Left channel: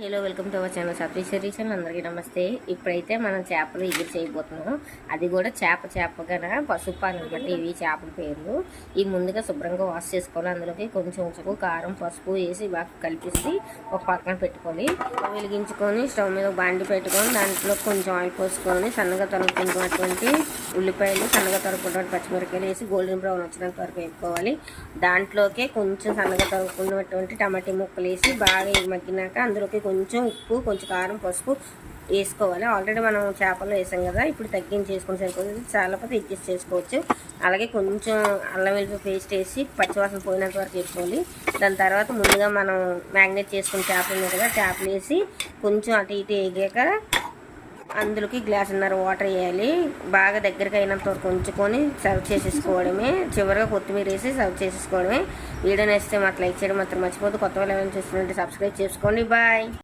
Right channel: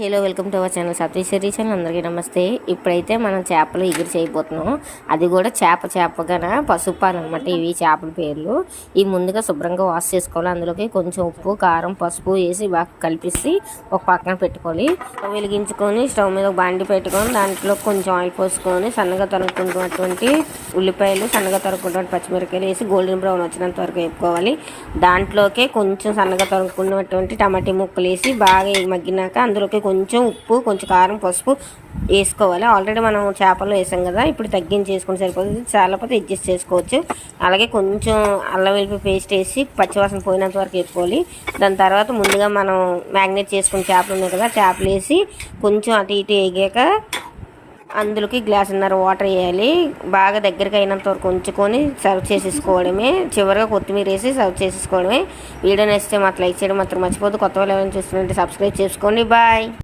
Hello welcome to our channel Satish channel. అందరికీ నమస్తే. ఇప్పుడైతే మనం చేపలు ఎగిరి చేయబోతున్నాం. అది కూడా చేపగాన పసుపాలు అనమాట. ఇవి చేపల పేర్లు. ఇవి ముందుగా శుభ్రంగా వాష్ చేసుకోవాలి. అందులోకి కొంచెం ఉప్పు, కారం, పసుపు వేసి బాగా కలిపేసి ఒక పక్కన పెట్టుకోవాలి. వెలిగించుకొని స్టవ్ మీద బాండి పెట్టుకొని దాంట్లో కొంచెం ఆయిల్ పోసుకొని సన్నగా తరుక్కున్నటువంటి ఉల్లిపాయలు, సన్నగా తరుక్కున్నటువంటి పచ్చిమిరపకాయలు వేసి గోల్డెన్ బ్రౌన్ వచ్చినంత వరకు వేపుకోవాలి. దాంట్లోకే కొంచెం సన్నగా తరుక్కున్నటువంటి టమాటా ముక్కలు వేసి బాగా మగ్గినాక అందులోకి కొంచెం ఉప్పు, కొంచెం కారం, పసుపు వేసుకోవాలి. ఆల్రెడీ మనం చేపలు వేసాం కదా, ఇప్పుడు తగ్గించేసుకుని సరిపోతుంది. చాలాపోతే అడ్జస్ట్ చేసుకోవచ్చు. అలాగే కొంచెం అల్లం వెల్లుల్లి పేస్ట్ వేసి పచ్చివాసన పోయినంత వరకు వేసుకోవాలి. దాని తర్వాత ముందుగా మనం మ్యాగ్నేట్ చేసుకుని చేపలు ఉన్నాయి కదా, చేపలు వేసి కొంచెం అటు ఇటు వేగాక అందులోకి గ్లాసున్నర వాటర్ వేయాలి. బాగా దగ్గరికి అయినంత వరకు ఉంచుకొని సర్వ్ చేసేసుకోవడమే. చివరిగా కొత్తిమీర వేసి సర్వ్ చేసేసుకోవడమే. వీడియో నచ్చితే మాకు లైక్ చేయడం మాత్రం మర్చిపోద్దు. కొత్త వాళ్ళు ఎవరైనా చూస్తుంటే సబ్స్క్రైబ్ చేసుకోండి. బాయ్.